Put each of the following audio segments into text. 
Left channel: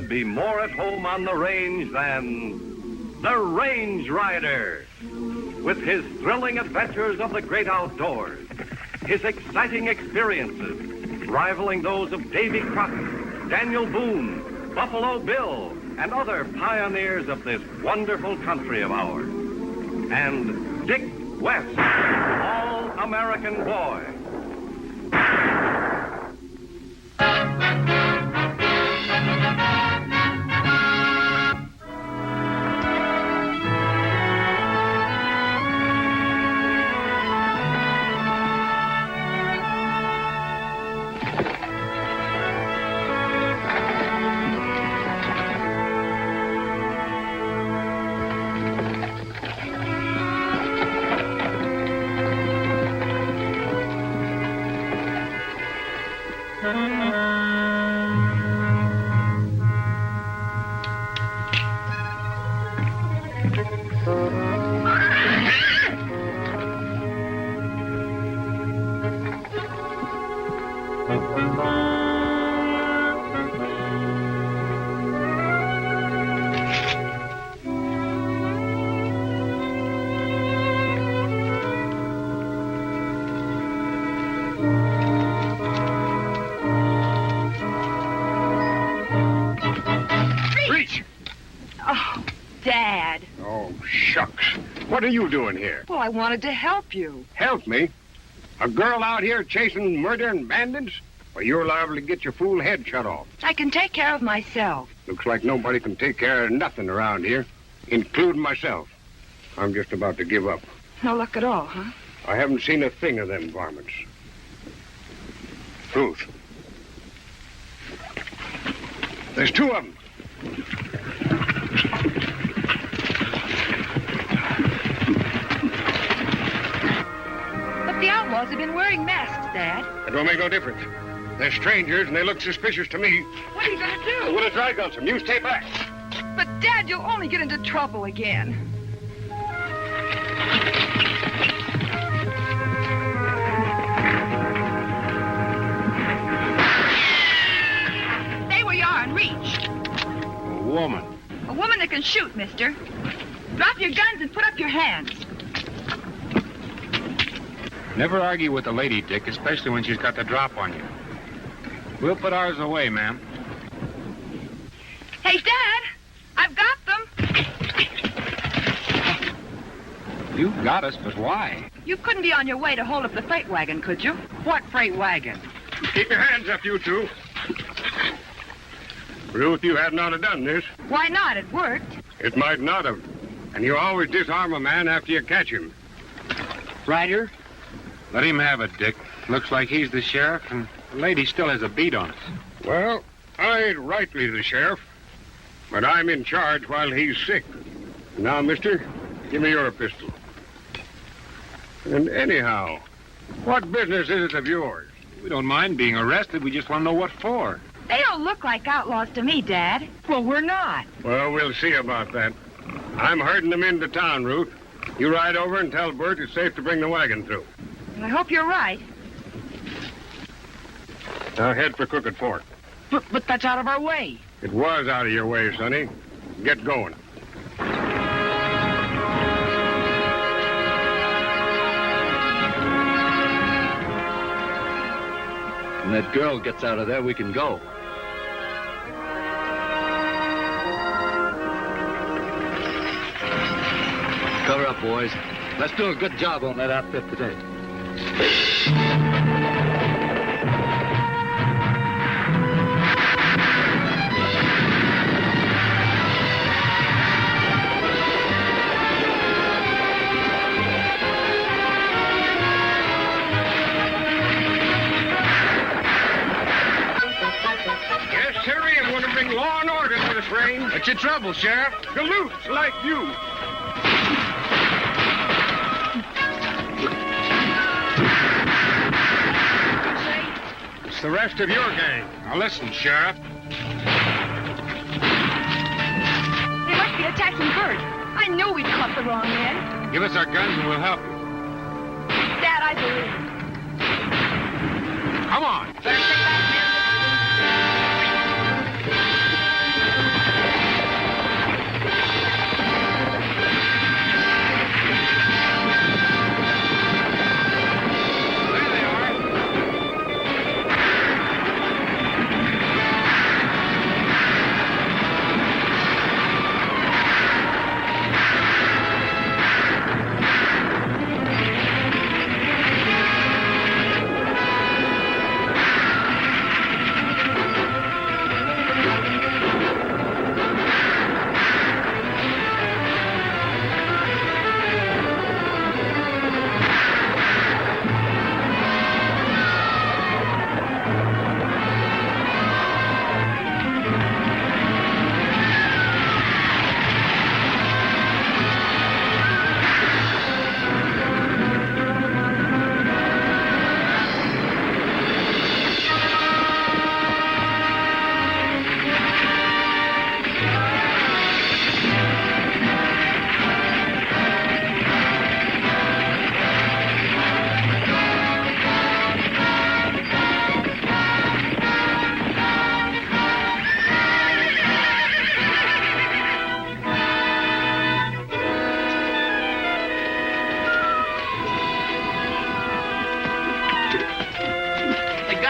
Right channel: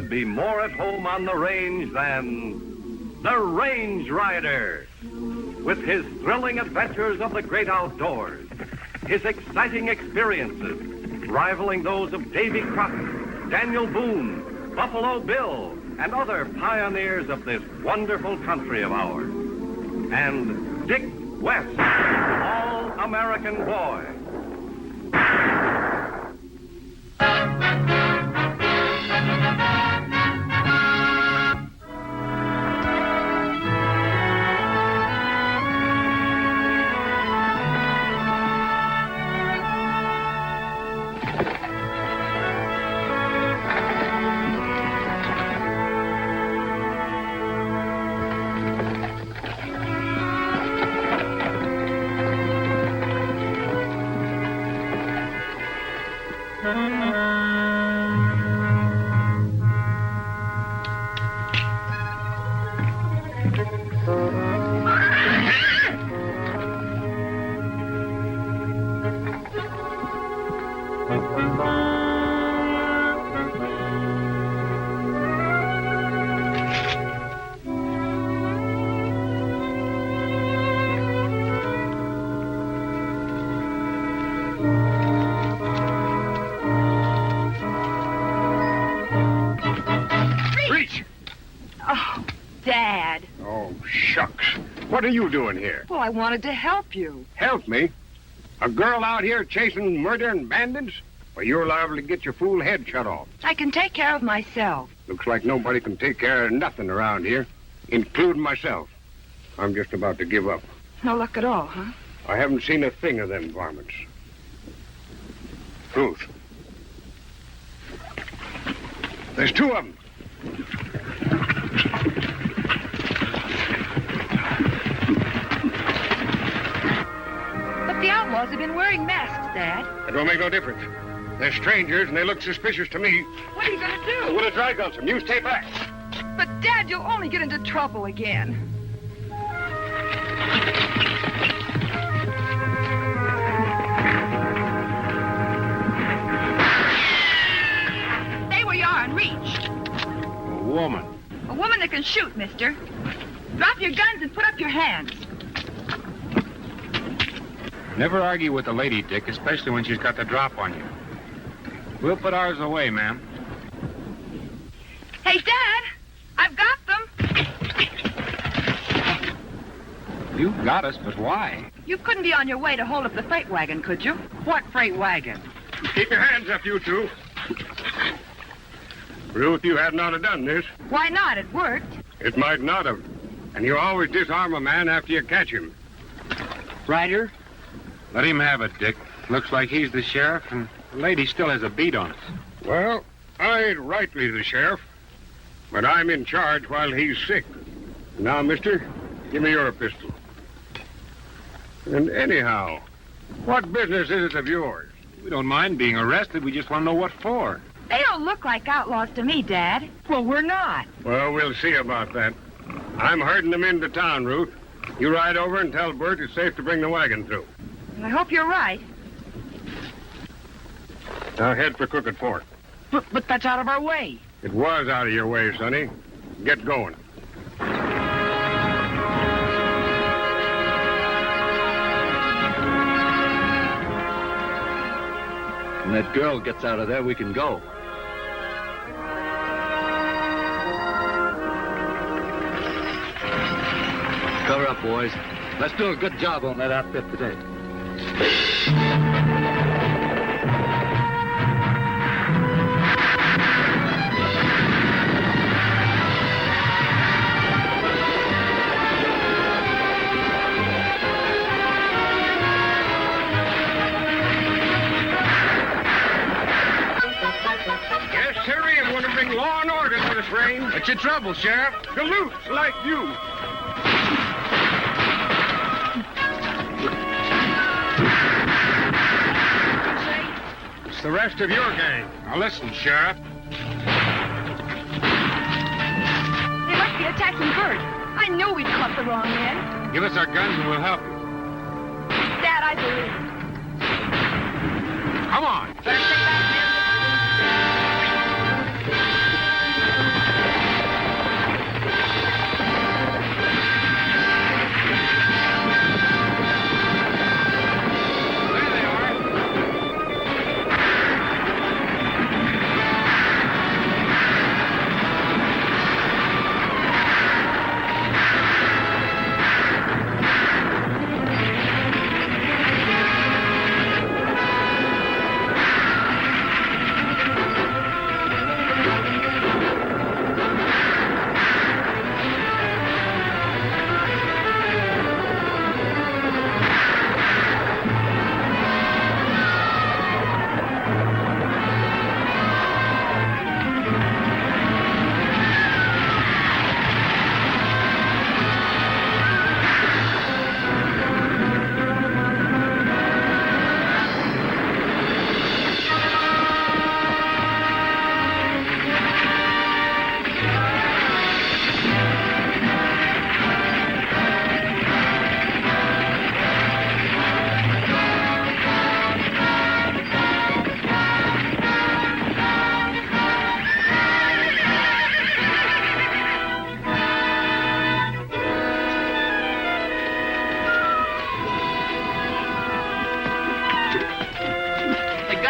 could be more at home on the range than the Range Rider. With his thrilling adventures of the great outdoors, his exciting experiences rivaling those of Davy Crockett, Daniel Boone, Buffalo Bill, and other pioneers of this wonderful country of ours. And Dick West, All-American Boy. What are you doing here? Well, I wanted to help you. Help me? A girl out here chasing murder and bandits? Well, you're liable to get your fool head shut off. I can take care of myself. Looks like nobody can take care of nothing around here, including myself. I'm just about to give up. No luck at all, huh? I haven't seen a thing of them varmints. Ruth. There's two of them. Have been wearing masks, Dad. It don't make no difference. They're strangers and they look suspicious to me. What are you going to do? I'm going to dry gun some. You stay back. But, Dad, you'll only get into trouble again. Stay where you are and reach. A woman. A woman that can shoot, mister. Drop your guns and put up your hands. Never argue with a lady, Dick, especially when she's got the drop on you. We'll put ours away, ma'am. Hey, Dad, I've got them. You got us, but why? You couldn't be on your way to hold up the freight wagon, could you? What freight wagon? Keep your hands up, you two. Ruth, you hadn't ought to done this. Why not? It worked. It might not have. And you always disarm a man after you catch him. Ryder? Let him have it, Dick. Looks like he's the sheriff, and the lady still has a beat on us. Well, I ain't rightly the sheriff, but I'm in charge while he's sick. Now, mister, give me your pistol. And anyhow, what business is it of yours? We don't mind being arrested. We just want to know what for. They don't look like outlaws to me, Dad. Well, we're not. Well, we'll see about that. I'm herding them into town, Ruth. You ride over and tell Bert it's safe to bring the wagon through. I hope you're right. Now head for Crooked Fork. But that's out of our way. It was out of your way, Sonny. Get going. When that girl gets out of there, we can go. Cover up, boys. Let's do a good job on that outfit today. Yes, sirree, it would have been law and order for this rain. What's your trouble, Sheriff? Galoots like you. It's the rest of your gang. Now listen, Sheriff. They must be attacking Bert. I knew we'd caught the wrong man. Give us our guns and we'll help you. Dad, I believe. Come on.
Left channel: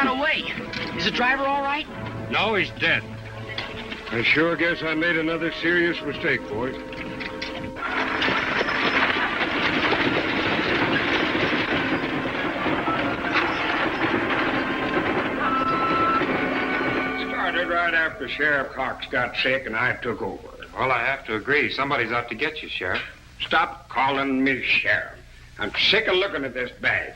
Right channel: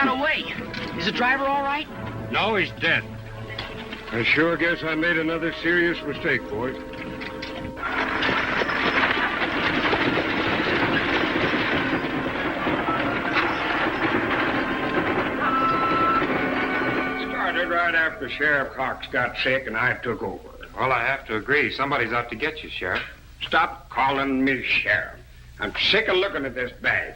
ran away. Is the driver all right? No, he's dead. I sure guess I made another serious mistake, boys. Started right after Sheriff Cox got sick and I took over. Well, I have to agree. Somebody's out to get you, Sheriff. Stop calling me sheriff. I'm sick of looking at this bag.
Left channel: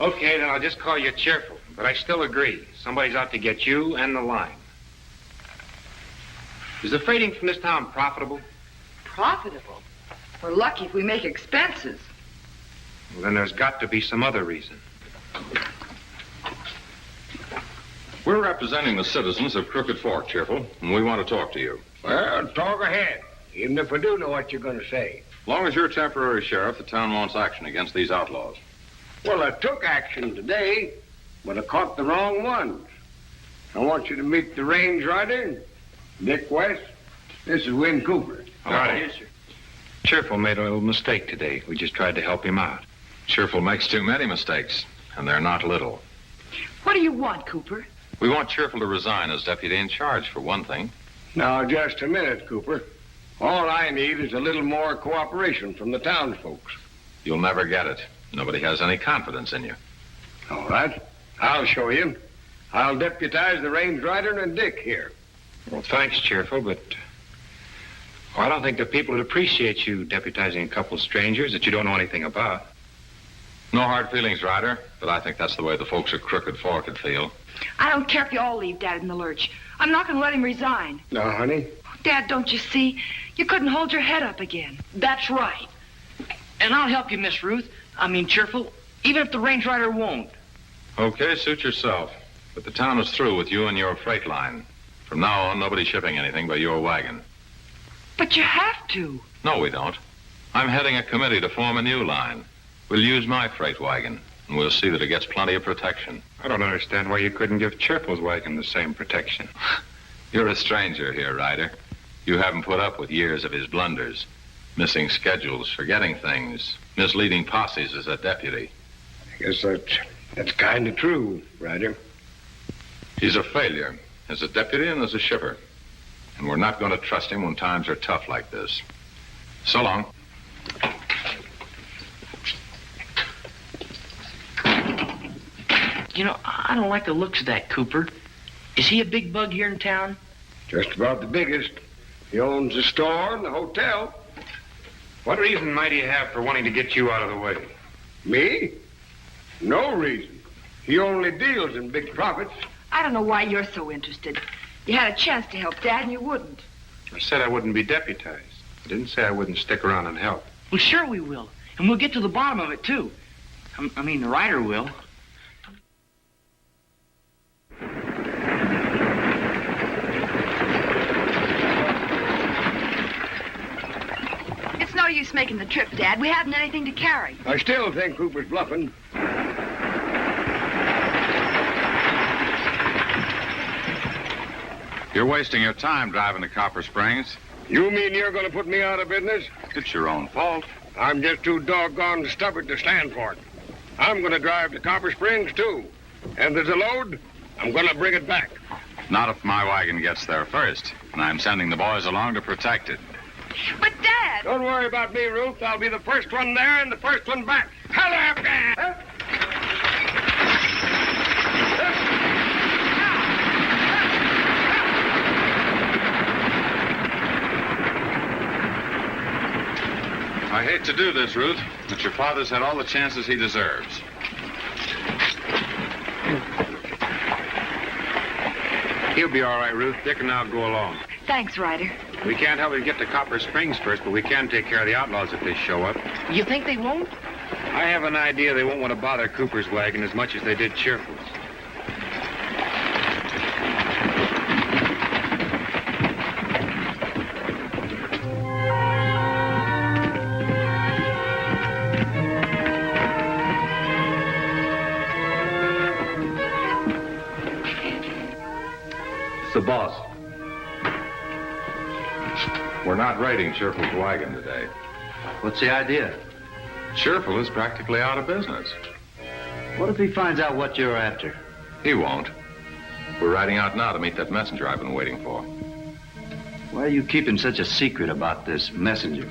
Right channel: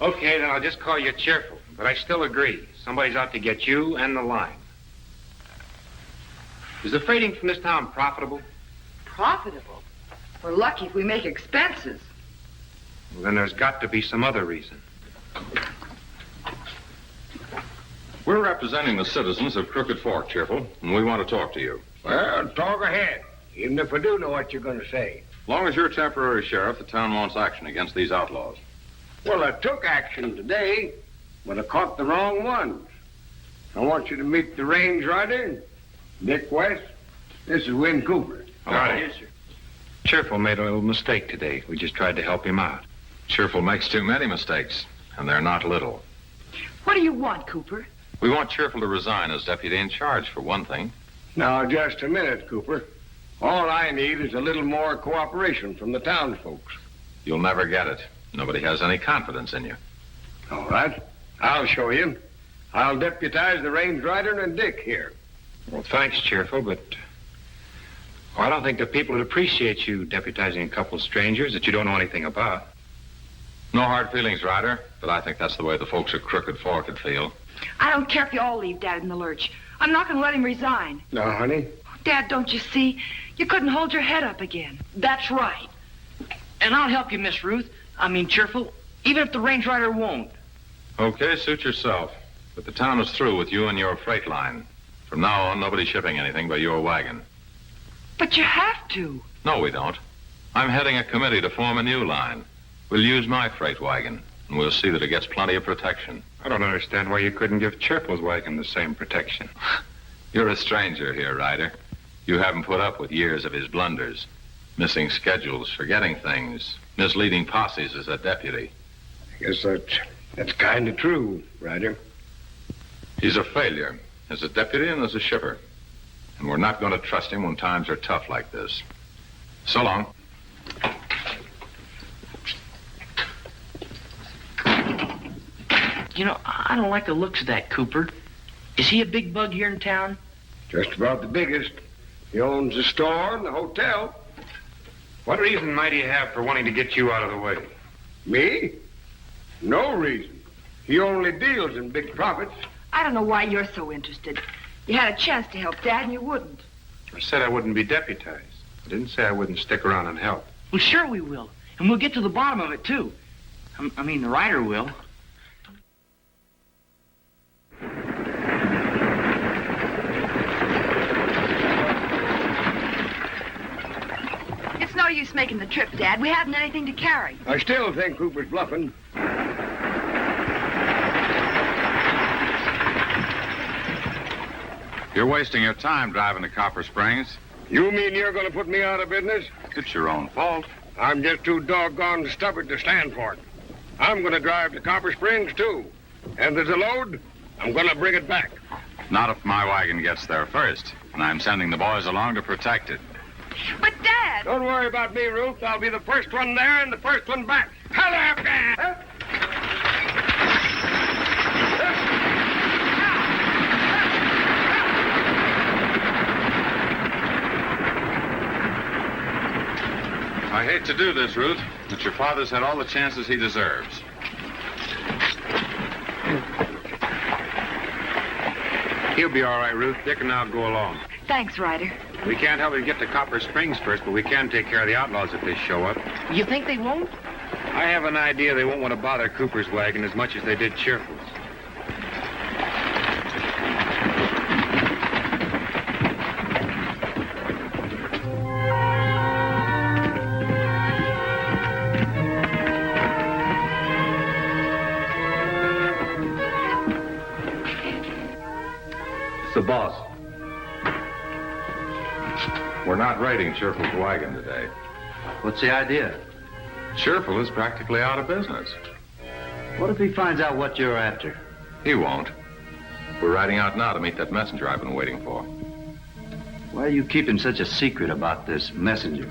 Okay, then I'll just call you cheerful. But I still agree. Somebody's out to get you and the line. Is the freighting from this town profitable? Profitable? We're lucky if we make expenses. Well, then there's got to be some other reason. We're representing the citizens of Crooked Fork, Cheerful, and we want to talk to you. Well, talk ahead, even if I do know what you're going to say. As long as you're temporary sheriff, the town wants action against these outlaws. Well, I took action today, but I caught the wrong ones. I want you to meet the range rider, Nick West. This is Win Cooper. All right. Yes, sir. Cheerful made a little mistake today. We just tried to help him out. Cheerful makes too many mistakes, and they're not little. What do you want, Cooper? We want Cheerful to resign as deputy in charge, for one thing. Now, just a minute, Cooper. All I need is a little more cooperation from the townsfolk. You'll never get it. Nobody has any confidence in you. All right. I'll show you. I'll deputize the range rider and Dick here. Well, thanks, Cheerful, but I don't think the people would appreciate you deputizing a couple of strangers that you don't know anything about. No hard feelings, Ryder, but I think that's the way the folks at Crooked Fork would feel. I don't care if you all leave Dad in the lurch. I'm not going to let him resign. Now, honey. Dad, don't you see? You couldn't hold your head up again. That's right. And I'll help you, Miss Ruth. Cheerful, even if the range rider won't. Okay, suit yourself. But the town is through with you and your freight line. From now on, nobody's shipping anything by your wagon. But you have to. No, we don't. I'm heading a committee to form a new line. We'll use my freight wagon, and we'll see that it gets plenty of protection. I don't understand why you couldn't give Cheerful's wagon the same protection. You're a stranger here, Ryder. You haven't put up with years of his blunders. Missing schedules, forgetting things, misleading posses as a deputy. I guess that's kind of true, Ryder. He's a failure as a deputy and as a shipper. And we're not going to trust him when times are tough like this. So long. I don't like the looks of that Cooper. Is he a big bug here in town? Just about the biggest. He owns the store and the hotel. What reason might he have for wanting to get you out of the way? Me? No reason. He only deals in big profits. I don't know why you're so interested. You had a chance to help Dad and you wouldn't. I said I wouldn't be deputized. I didn't say I wouldn't stick around and help. Well, sure we will. And we'll get to the bottom of it, too. The rider will. It's no use making the trip, Dad. We haven't anything to carry. I still think Cooper's bluffing. You're wasting your time driving to Copper Springs. You mean you're going to put me out of business? It's your own fault. I'm just too doggone stubborn to stand for it. I'm going to drive to Copper Springs, too. And there's a load, I'm going to bring it back. Not if my wagon gets there first. And I'm sending the boys along to protect it. But, Dad... Don't worry about me, Ruth. I'll be the first one there and the first one back. Hello, Dad! I hate to do this, Ruth, but your father's had all the chances he deserves. He'll be all right, Ruth. Dick and I'll go along. Thanks, Ryder. We can't help you get to Copper Springs first, but we can take care of the outlaws if they show up. You think they won't? I have an idea they won't want to bother Cooper's wagon as much as they did Cheerful's. The boss. We're not raiding Cheerful's wagon today. What's the idea? Cheerful is practically out of business. What if he finds out what you're after? He won't. We're riding out now to meet that messenger I've been waiting for. Why are you keeping such a secret about this messenger?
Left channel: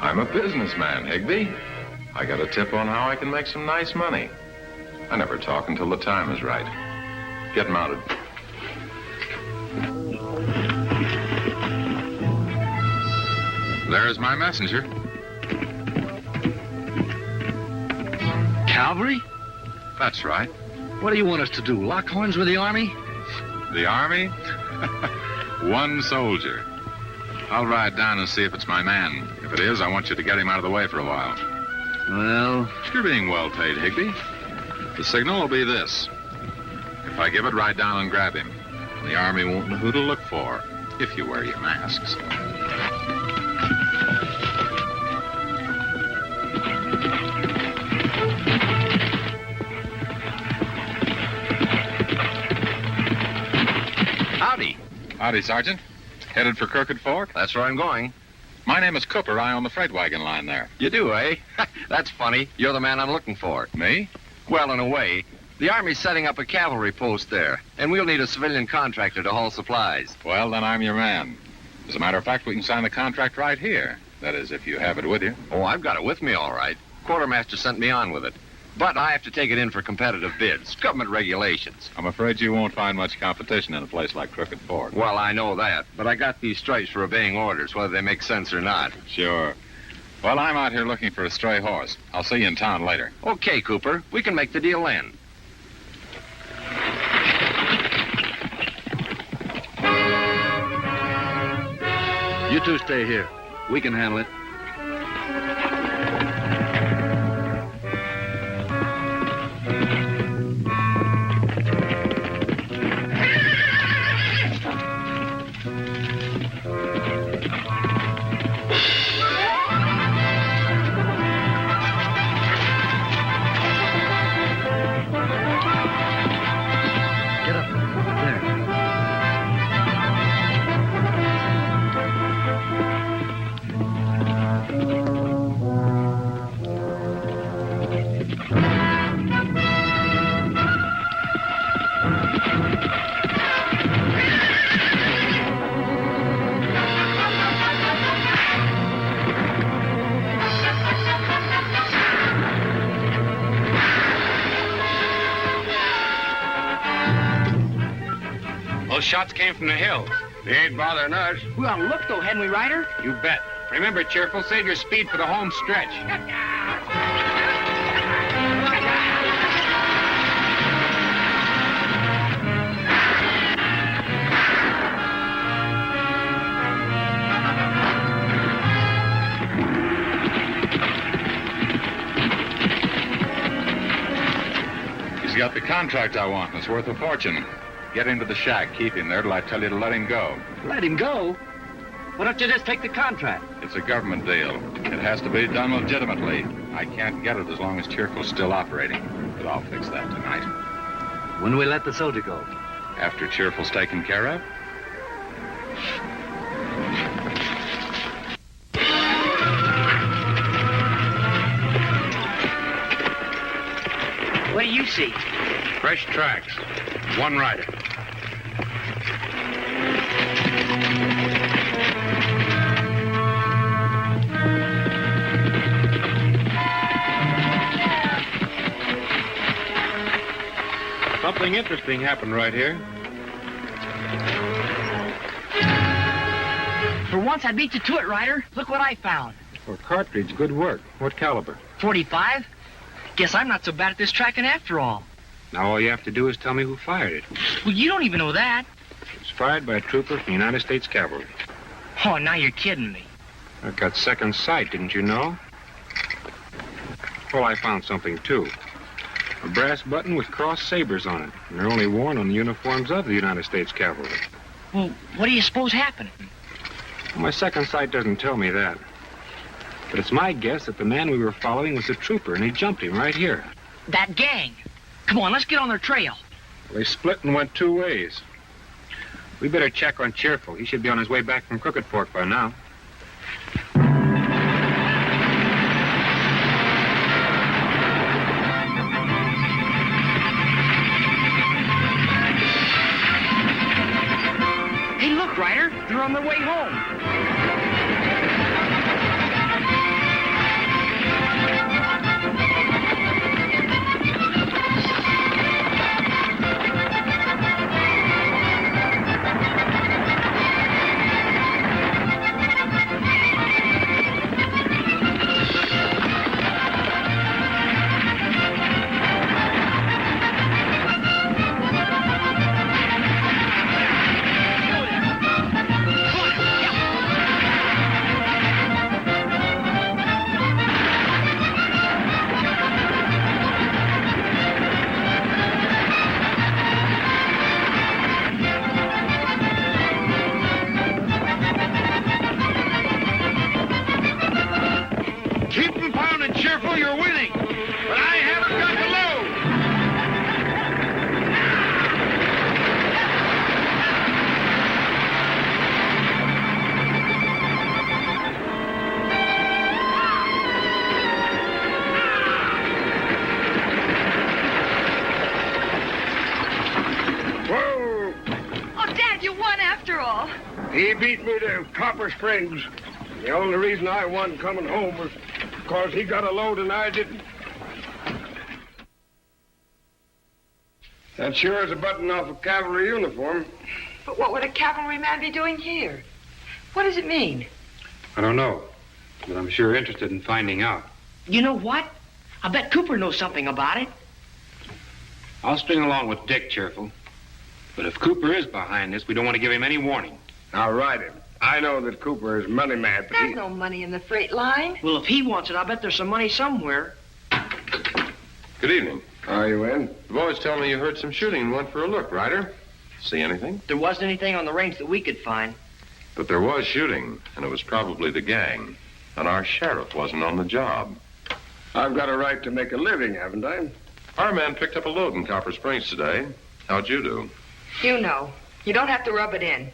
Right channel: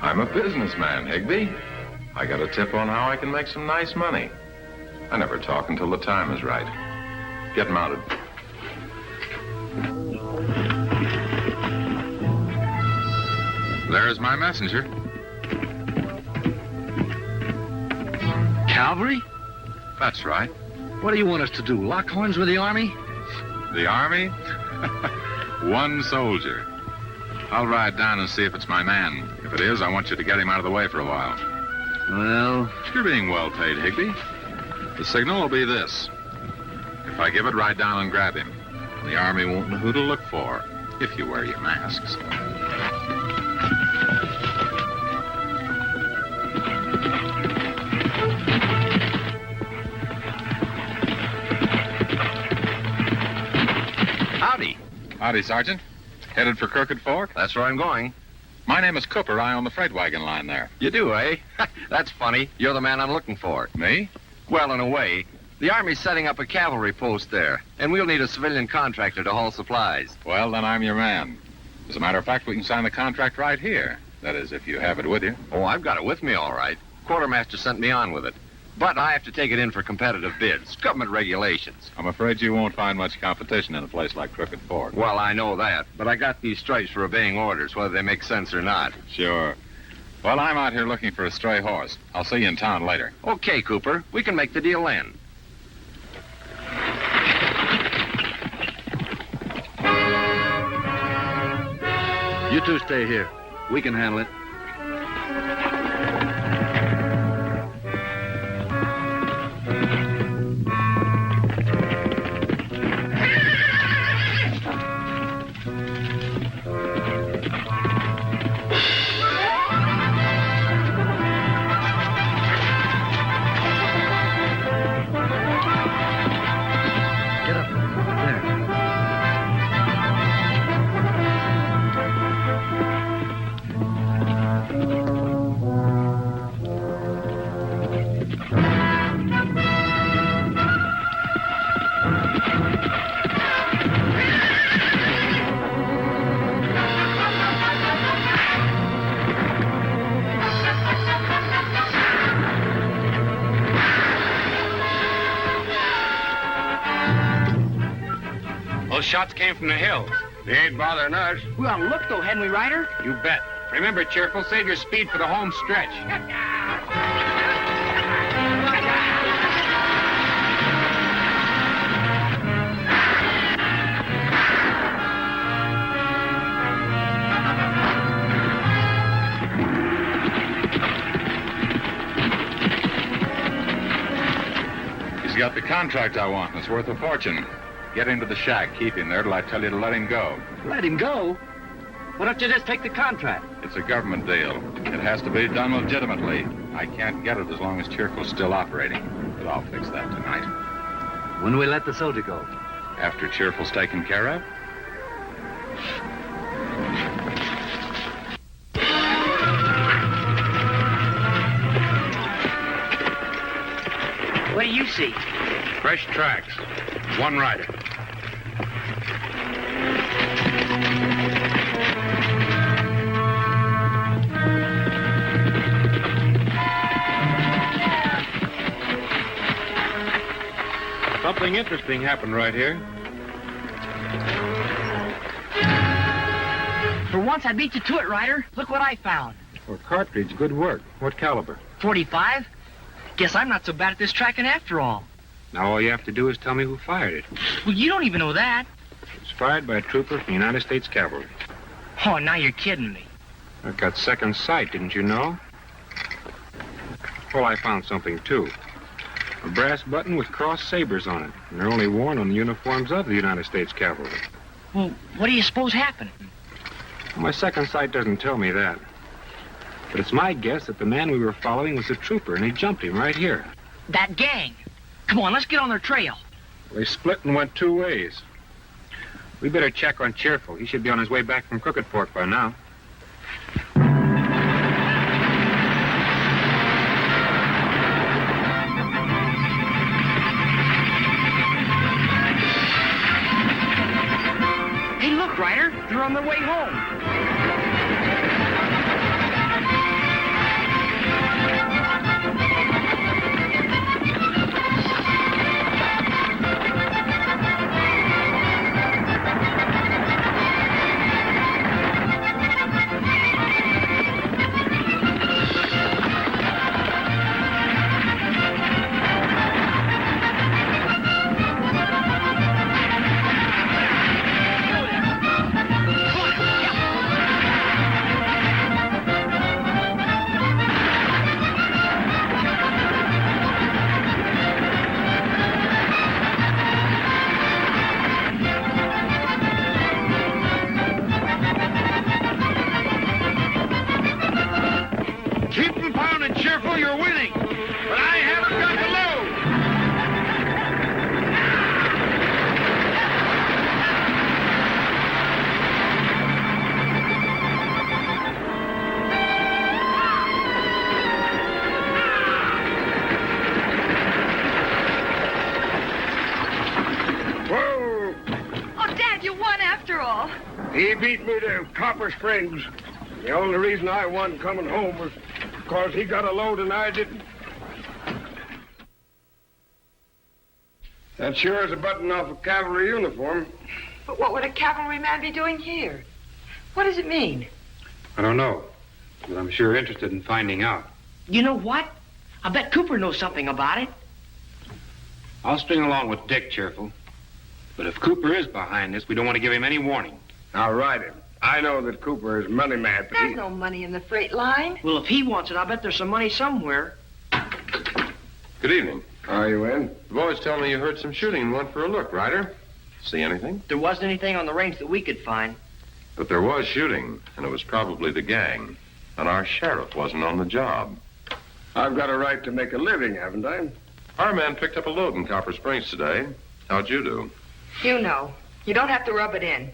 I'm a businessman, Higby. I got a tip on how I can make some nice money. I never talk until the time is right. Get mounted. There's my messenger. Cavalry? That's right. What do you want us to do? Lock horns with the army? The army? One soldier. I'll ride down and see if it's my man. If it is, I want you to get him out of the way for a while. Well, You're being well paid, Higby. The signal will be this. If I give it, ride down and grab him. The army won't know who to look for if you wear your masks. howdy. Howdy, Sergeant. Headed for Crooked Fork? That's where I'm going. My name is Cooper. I own the freight wagon line there. You do, eh? That's funny. You're the man I'm looking for. Me? Well, in a way. The Army's setting up a cavalry post there, and we'll need a civilian contractor to haul supplies. Well, then I'm your man. As a matter of fact, we can sign the contract right here. That is, if you have it with you. Oh, I've got it with me, all right. Quartermaster sent me on with it. But I have to take it in for competitive bids. Government regulations. I'm afraid you won't find much competition in a place like Crooked Fork. Well, I know that, but I got these stripes for obeying orders, whether they make sense or not. Sure. Well, I'm out here looking for a stray horse. I'll see you in town later. Okay, Cooper. We can make the deal then. You two stay here. We can handle it. Get up. There. Those shots came from the hills. They ain't bothering us. We ought to look, though, hadn't we, Ryder? You bet. Remember, Cheerful, save your speed for the home stretch. He's got the contract I want. It's worth a fortune. Get him to the shack. Keep him there till I tell you to let him go. Let him go? Why don't you just take the contract? It's a government deal. It has to be done legitimately. I can't get it as long as Cheerful's still operating. But I'll fix that tonight. When do we let the soldier go? After Cheerful's taken care of. What do you see? Fresh tracks. One rider. Something interesting happened right here. For once, I beat you to it, Ryder. Look what I found. For cartridge, good work. What caliber? 45? Guess I'm not so bad at this tracking after all. Now all you have to do is tell me who fired it. Well, you don't even know that. It was fired by a trooper from the United States Cavalry. Oh, now you're kidding me. I've got second sight, didn't you know? Well, I found something, too. A brass button with crossed sabers on it. And they're only worn on the uniforms of the United States Cavalry. Well, what do you suppose happened? Well, my second sight doesn't tell me that. But it's my guess that the man we were following was a trooper, and he jumped him right here. That gang. Come on, let's get on their trail. They split and went two ways. We better check on Cheerful. He should be on his way back from Crooked Fork by now. on their way home. Keep them pounding, Cheerful, you're winning. But I haven't got the load. Whoa! Oh, Dad, you won after all. He beat me to Copper Springs. The only reason I won coming home was because he got a load and I didn't. That sure is a button off a cavalry uniform. But what would a cavalryman be doing here? What does it mean? I don't know, but I'm sure interested in finding out. You know what? I bet Cooper knows something about it. I'll string along with Dick, Cheerful. But if Cooper is behind this, we don't want to give him any warning. Now, ride him. I know that Cooper is money mad, but There's no money in the freight line. Well, if he wants it, I bet there's some money somewhere. Good evening. How are you in? The boys tell me you heard some shooting and went for a look, Ryder. See anything? There wasn't anything on the range that we could find. But there was shooting, and it was probably the gang. And our sheriff wasn't on the job. I've got a right to make a living, haven't I? Our man picked up a load in Copper Springs today. How'd you do? You know. You don't have to rub it in.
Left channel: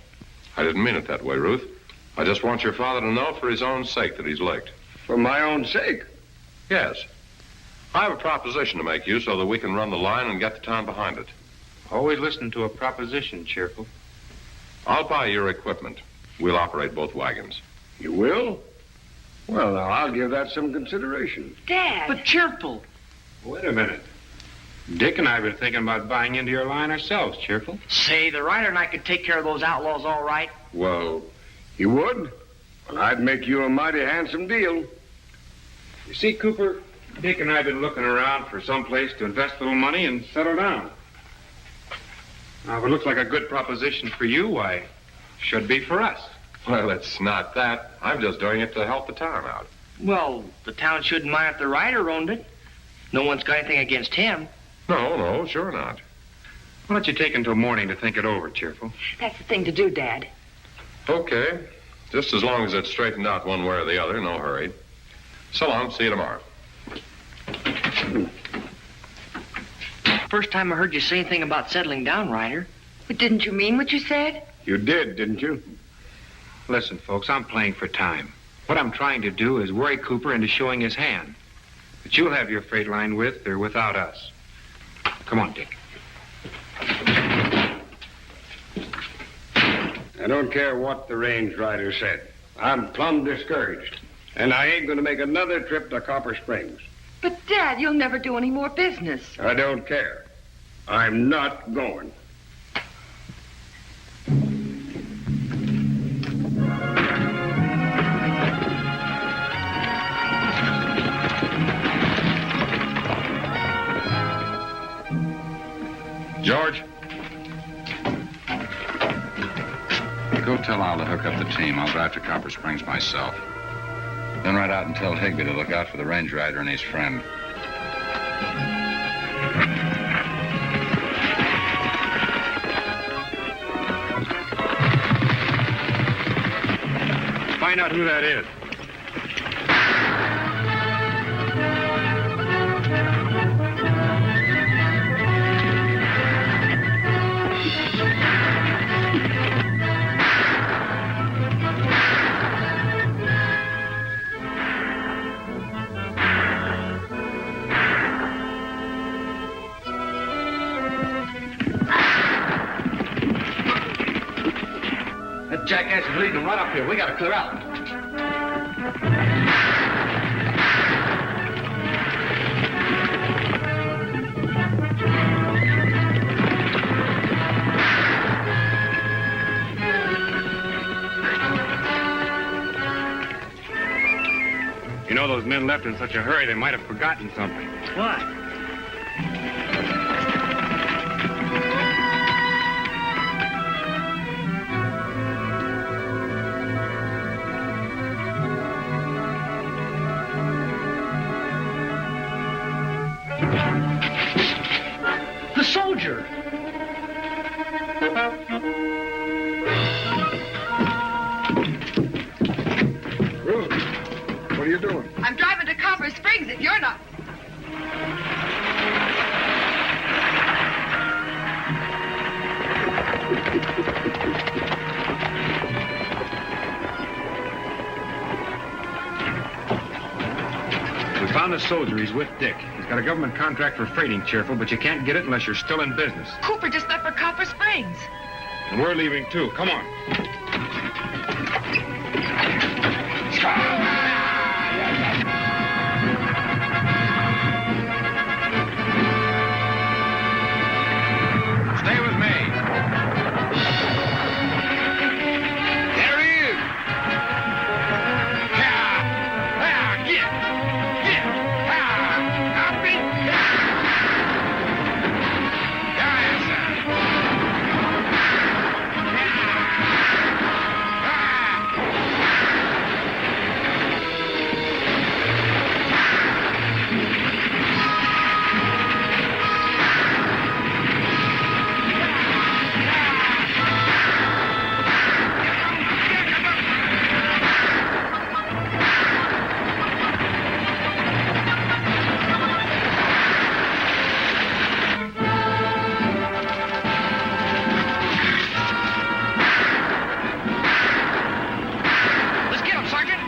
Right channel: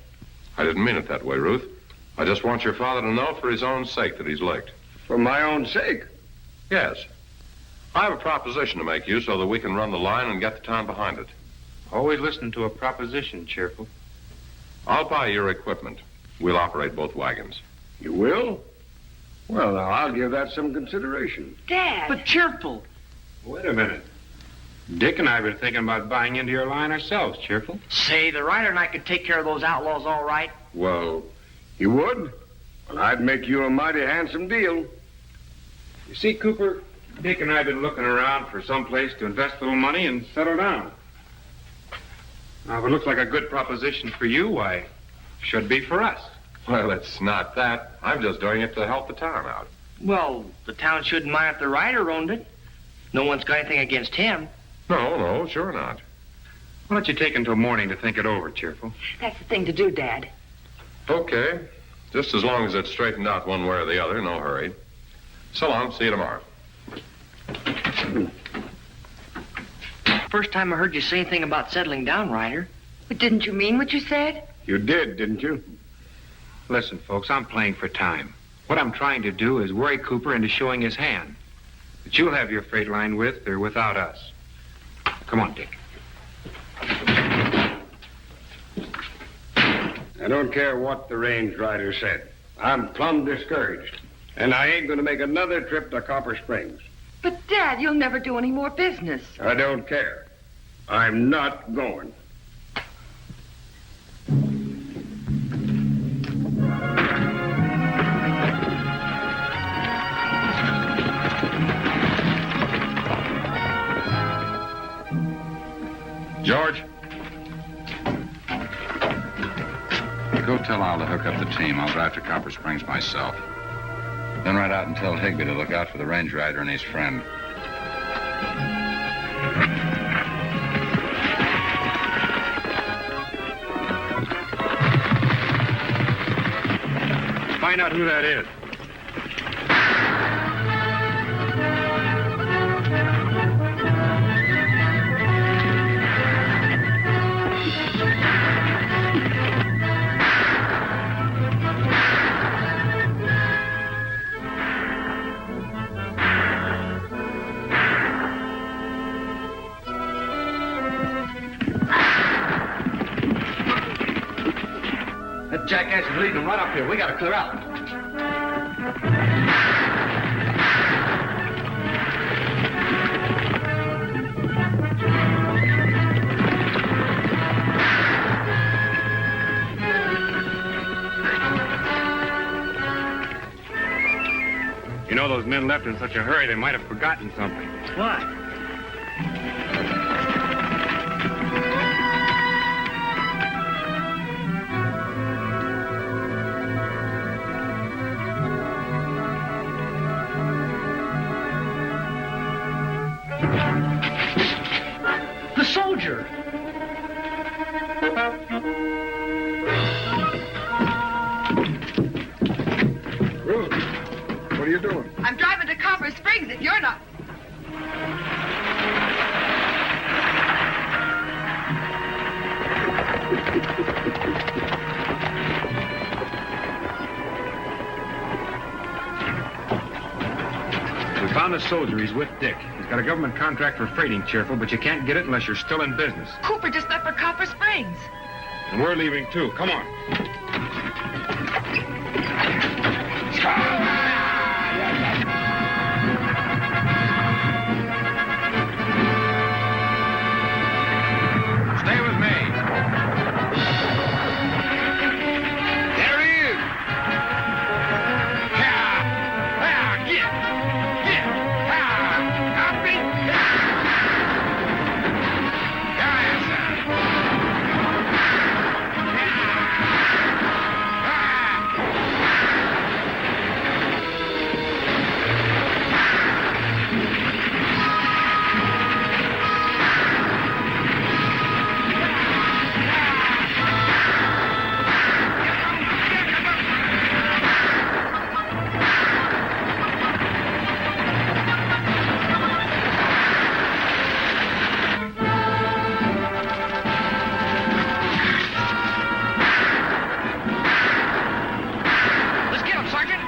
I didn't mean it that way, Ruth. I just want your father to know for his own sake that he's licked. For my own sake. Yes. I have a proposition to make you so that we can run the line and get the town behind it. Always listen to a proposition, Cheerful. I'll buy your equipment. We'll operate both wagons. You will? Well, now, I'll give that some consideration. Dad. But Cheerful. Wait a minute. Dick and I have been thinking about buying into your line ourselves, Cheerful. Say, the Ryder and I could take care of those outlaws all right. Well, you would? Well, I'd make you a mighty handsome deal. You see, Cooper, Dick and I have been looking around for some place to invest a little money and settle down. Now, if it looks like a good proposition for you, why, should be for us. Well, it's not that. I'm just doing it to help the town out. Well, the town shouldn't mind if the Ryder owned it. No one's got anything against him. No, sure not. Why don't you take until morning to think it over, Cheerful? That's the thing to do, Dad. Okay. Just as long as it's straightened out one way or the other, no hurry. So long. See you tomorrow. First time I heard you say anything about settling down, Ryder. But didn't you mean what you said? You did, didn't you? Listen, folks, I'm playing for time. What I'm trying to do is worry Cooper into showing his hand. But you'll have your freight line with or without us. Come on, Dick. I don't care what the range rider said. I'm plumb discouraged. And I ain't going to make another trip to Copper Springs. But, Dad, you'll never do any more business. I don't care. I'm not going. George? Go tell Al to hook up the team. I'll drive to Copper Springs myself. Then ride out and tell Higby to look out for the range rider and his friend. Find out who that is. jackass is leading them right up here. We gotta clear out. You know, those men left in such a hurry, they might have forgotten something. What? The soldier. Ruth, what are you doing? I'm driving to Copper Springs if you're not. We found a soldier. He's with Dick. He's got a government contract for freighting, Cheerful, but you can't get it unless you're still in business. Cooper just left for Copper Springs. And we're leaving, too. Come on. Stay with me. There he is. Let's get him, Sergeant.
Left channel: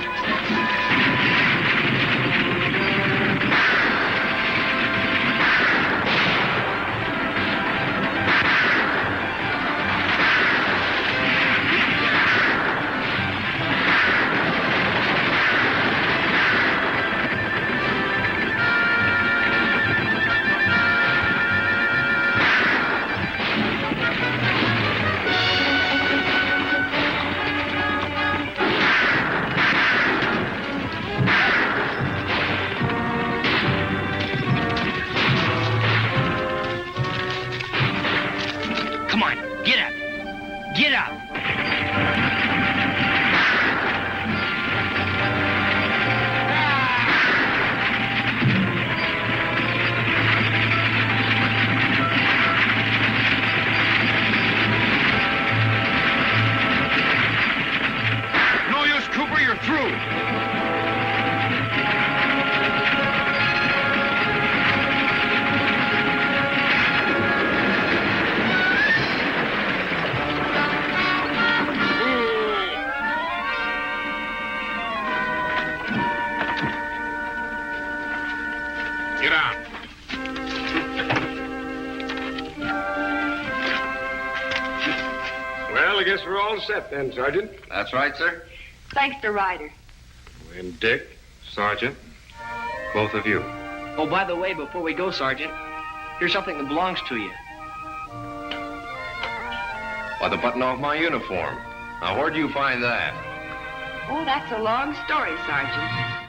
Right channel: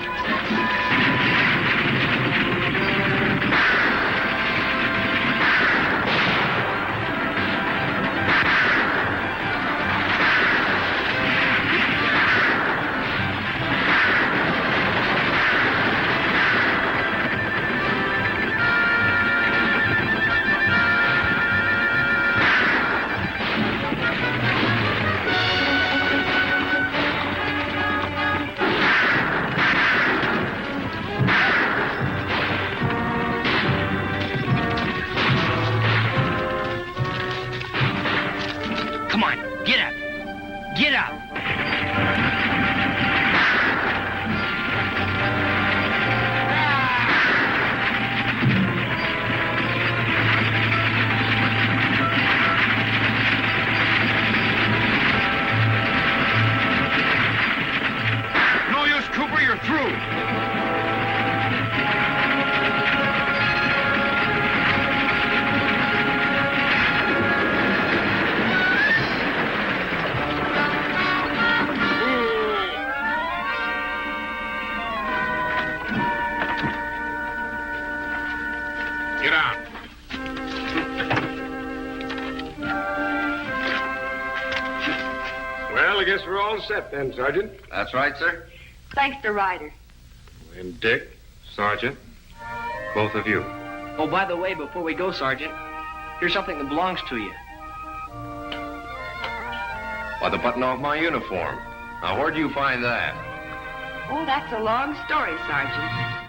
Come on, get out. Get out. No use, Cooper, you're through. Get out. Well, I guess we're all set then, Sergeant. That's right, sir. Thanks to Ryder. And Dick, Sergeant, both of you. Oh, by the way, before we go, Sergeant, here's something that belongs to you. Why, the button off my uniform. Now, where'd you find that? Oh, that's a long story, Sergeant.